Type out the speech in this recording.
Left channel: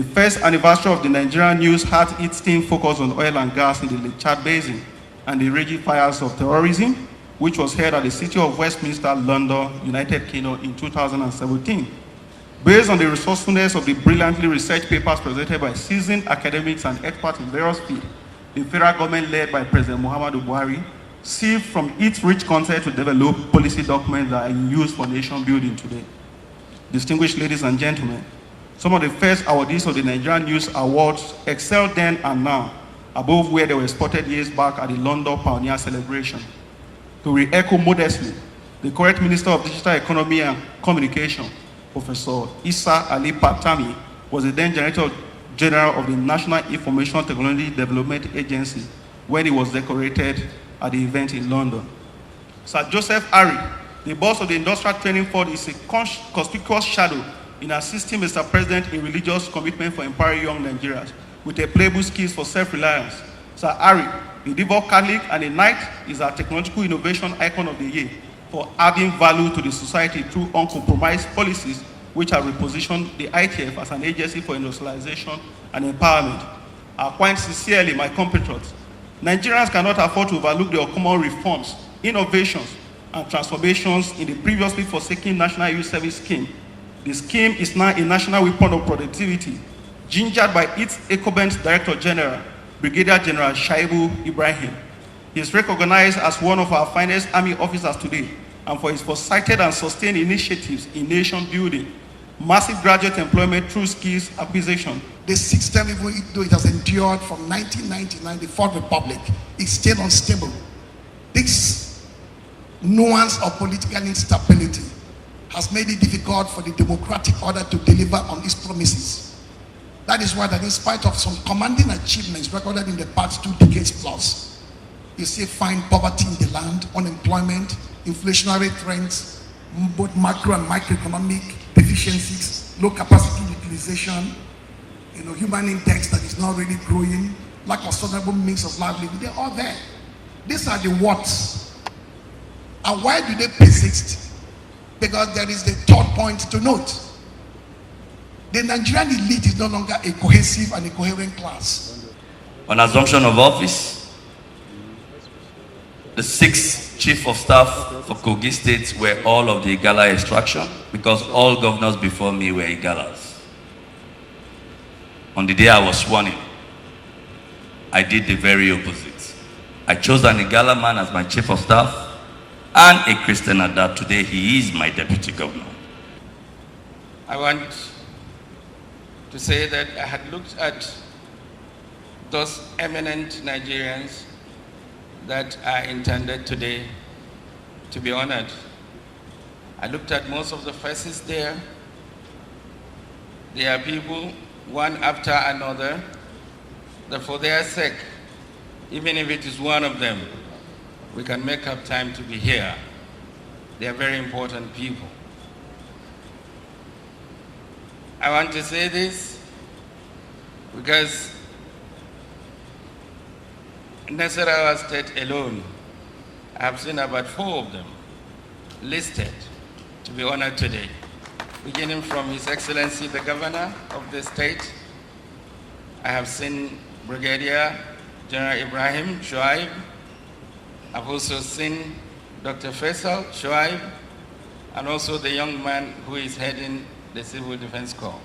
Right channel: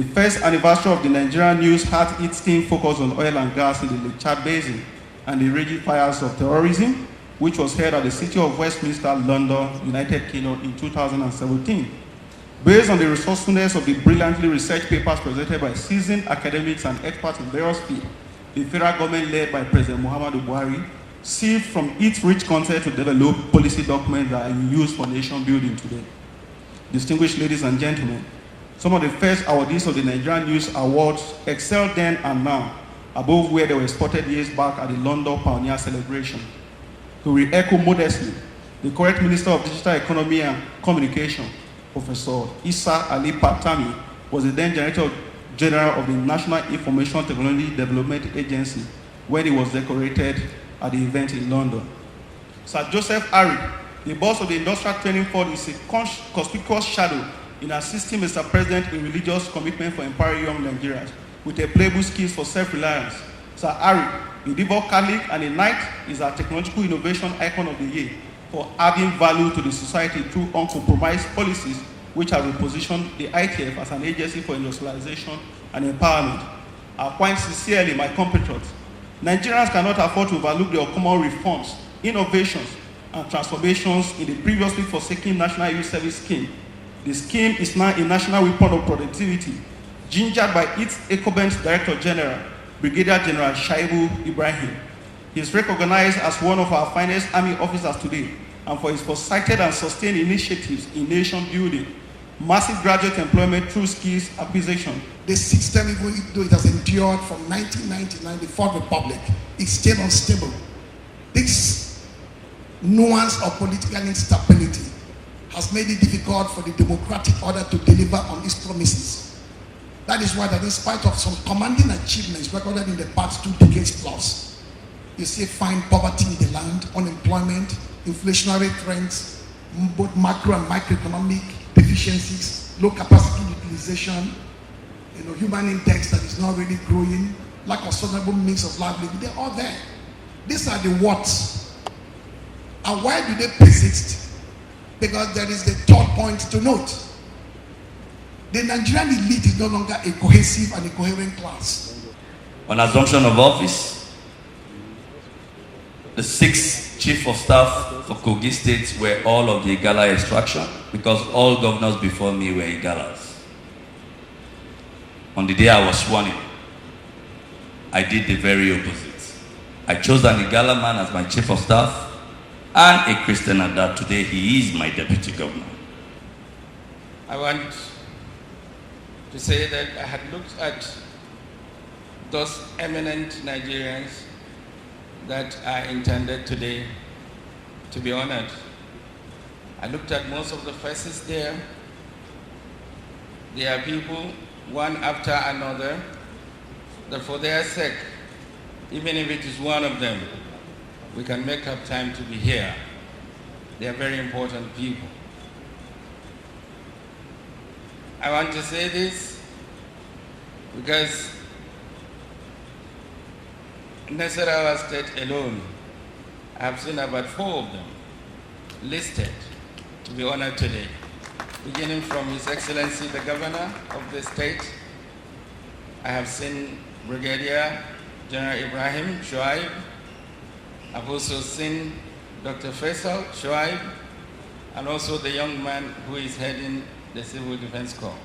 The first anniversary of the Nigerian news had its keen focus on oil and gas in the Lake Chad Basin and the raging fires of terrorism, which was held at the City of Westminster, London, United Kingdom in 2017. Based on the resourcefulness of the brilliantly researched papers presented by seasoned academics and experts in various fields, the federal government led by President Muhammadu Buhari sieved from its rich content to develop policy documents that are in use for nation building today. Distinguished ladies and gentlemen, some of the first awardees of the Nigerian News Awards excelled then and now, above where they were spotted years back at the London Pioneer Celebration. To re-echo modestly, the current Minister of Digital Economy and Communication, Professor Issa Ali Patami, was the then Director General of the National Information Technology Development Agency when he was decorated at the event in London. Sir Joseph Ari, the boss of the Industrial Training Fund, is a conspicuous shadow in assisting Mr. President in religious commitment for empowering young Nigerians with a playbook skills for self-reliance. Sir Ari, the devout Catholic and a knight, is our technological innovation icon of the year for adding value to the society through uncompromised policies which have repositioned the ITF as an agency for industrialization and empowerment. I point sincerely, my compatriots, Nigerians cannot afford to overlook the common reforms, innovations, and transformations in the previously forsaken National Youth Service Scheme. The scheme is now a national weapon of productivity, gingered by its incumbent Director General, Brigadier General Shaibu Ibrahim. He is recognized as one of our finest army officers today, and for his foresighted and sustained initiatives in nation building, massive graduate employment through skills acquisition. This system, even though it has endured from 1999, the Fourth Republic, is still unstable. This nuance of political instability has made it difficult for the democratic order to deliver on its promises. That is why, that in spite of some commanding achievements recorded in the past 2 decades plus, you still find poverty in the land, unemployment, inflationary trends, both macro and microeconomic deficiencies, low capacity utilization, human index that is not really growing, lack of sustainable means of livelihood. They're all there. These are the what's. And why do they persist? Because there is the third point to note. The Nigerian elite is no longer a cohesive and a coherent class. On assumption of office, the 6 chief of staff for Kogi states were all of the Igala extraction, because all governors before me were Igalas. On the day I was sworn in, I did the very opposite. I chose an Igala man as my chief of staff, and a Christian at that. Today he is my deputy governor. I want to say that I had looked at those eminent Nigerians that are intended today to be honored. I looked at most of the faces there. There are people, one after another, that for their sake, even if it is one of them, we can make up time to be here. They are very important people. I want to say this because in Nasarawa State alone, I have seen about 4 of them listed to be honored today, beginning from His Excellency the Governor of the state. I have seen Brigadier General Ibrahim Shoaib. I've also seen Dr. Faisal Shoaib, and also the young man who is heading the Civil Defense Corps.